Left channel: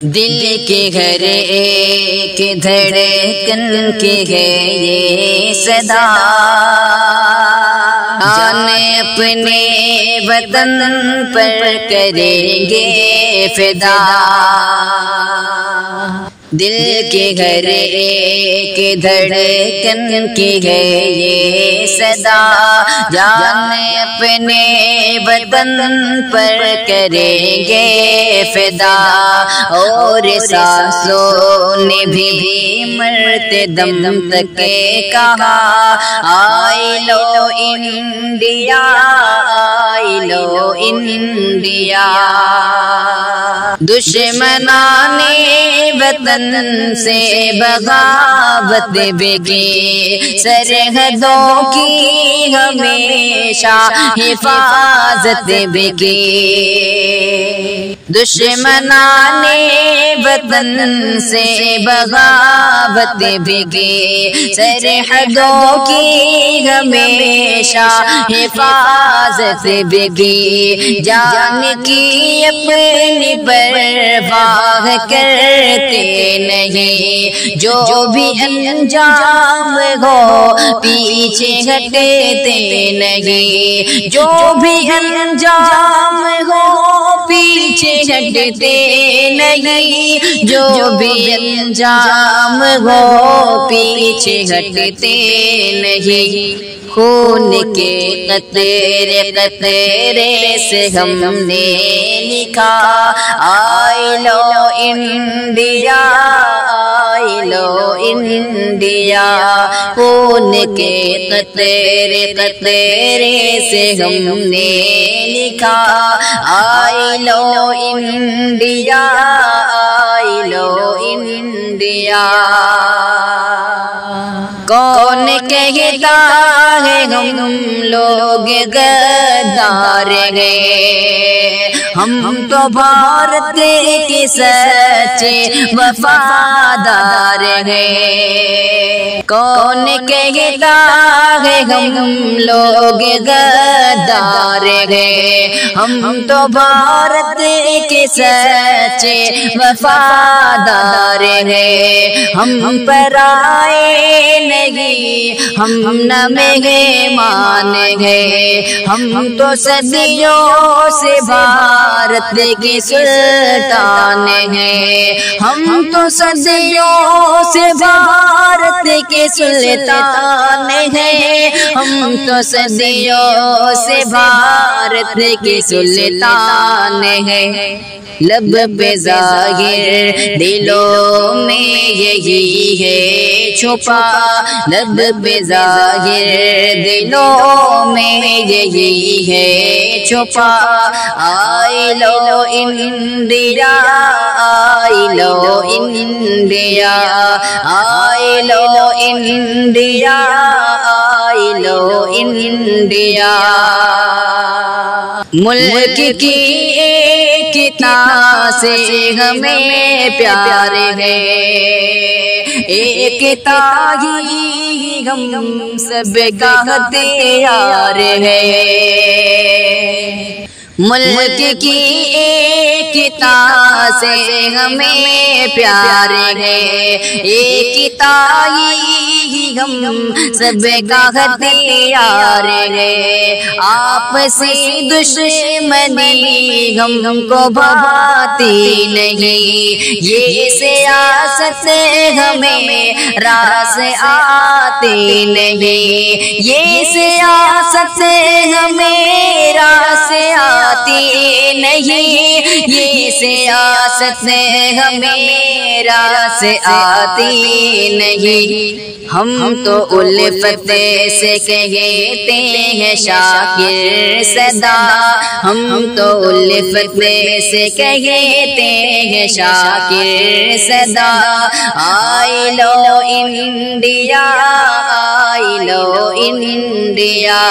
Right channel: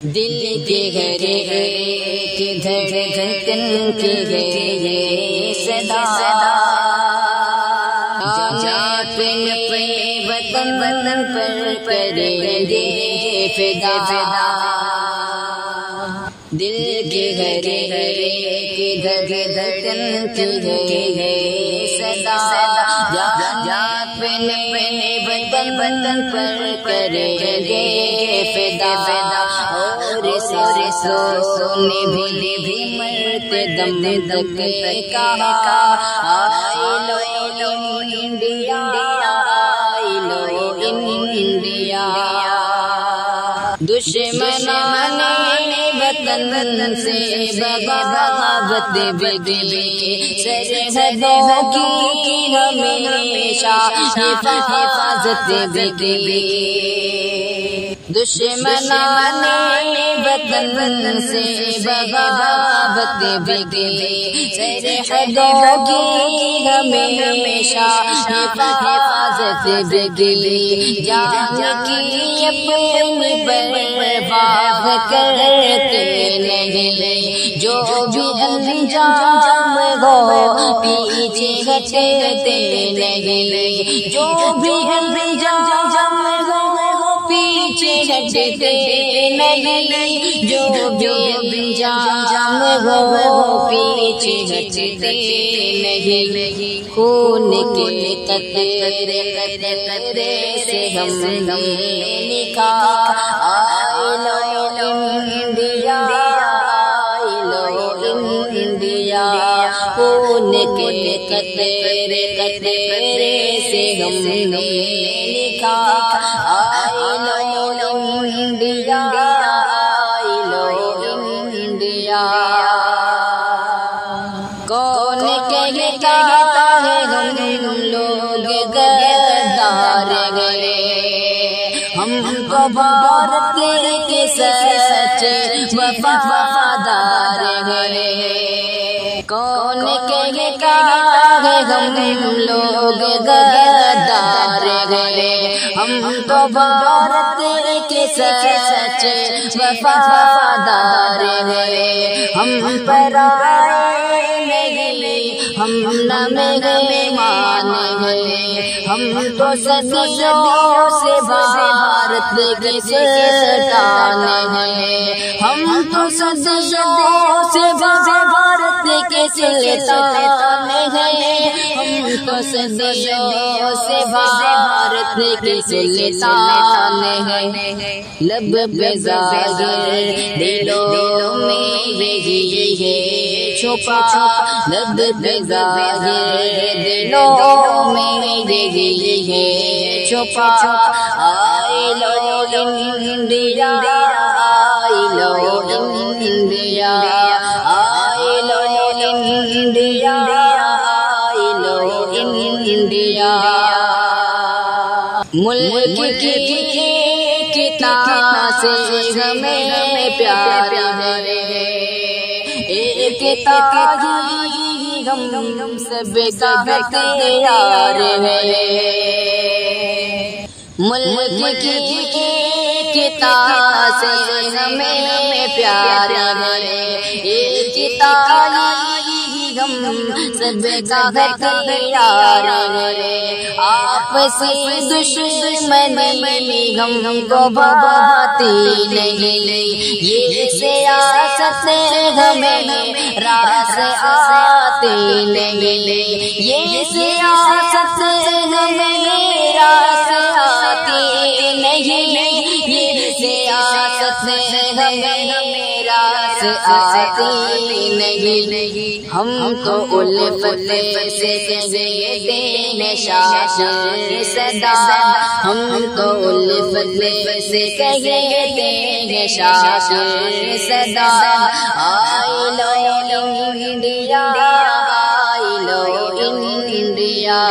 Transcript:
دل کے گھر ایک دھڑکن کی ہے یہ صدا، جانے اپنے وطن پر کریں گے فدا۔ دل کے گھر ایک دھڑکن کی ہے یہ صدا، جانے اپنے وطن پر کریں گے فدا۔ اور سانسوں نے بھی مرتے دم تک کہا، آئی لو انڈیا، آئی لو انڈیا۔ دشمنان وطن سے بغاوت بگی، سرحدوں کی ہمیشہ حفاظت بگی۔ دشمنان وطن سے بغاوت بگی، سرحدوں کی ہمیشہ حفاظت بگی۔ جان کی اپنی پرواہ کرتے نہیں، جو بھی انجام ہو پیچھے ہٹتے نہیں، جو بھی انجام ہو پیچھے ہٹتے نہیں، جو بھی انجام ہو پیچھے ہٹتے نہیں۔ خون کے قطرے قطرے سے ہم نے لکھا، آئی لو انڈیا، آئی لو انڈیا۔ خون کے قطرے قطرے سے ہم نے لکھا، آئی لو انڈیا، آئی لو انڈیا۔ کون کہتا ہے ہم لوگ غدار ہیں، ہم تو بھارت کے سچے وفادار ہیں۔ کون کہتا ہے ہم لوگ غدار ہیں، ہم تو بھارت کے سچے وفادار ہیں۔ ہم پر آئے نہیں، ہم نہ مہمان ہیں، ہم تو صدیوں سے بھارت کے سلطان ہیں۔ ہم تو صدیوں سے بھارت کے سلطان ہیں، ہم تو صدیوں سے بھارت کے سلطان ہیں۔ لب پہ ظاہر دلوں میں یہی ہے چھپا، لب پہ ظاہر دلوں میں یہی ہے چھپا۔ آئی لو انڈیا، آئی لو انڈیا، آئی لو انڈیا، آئی لو انڈیا۔ ملک کی ایک تاں سے ہمیں پیار ہے، ایک تاں ہی ہم سب کا ہتھیار ہے۔ ملک کی ایک تاں سے ہمیں پیار ہے، ایک تاں ہی ہم سب کا ہتھیار ہے۔ آپسی دشمنی ہم کو بھاتی نہیں، یہ سیاست ہمیں راس آتی نہیں، یہ سیاست ہمیں راس آتی نہیں، یہ سیاست ہمیں راس آتی نہیں۔ ہم تو الفت سے کہتے ہیں شاکر صدا، ہم تو الفت سے کہتے ہیں شاکر صدا۔ آئی لو انڈیا، آئی لو انڈیا۔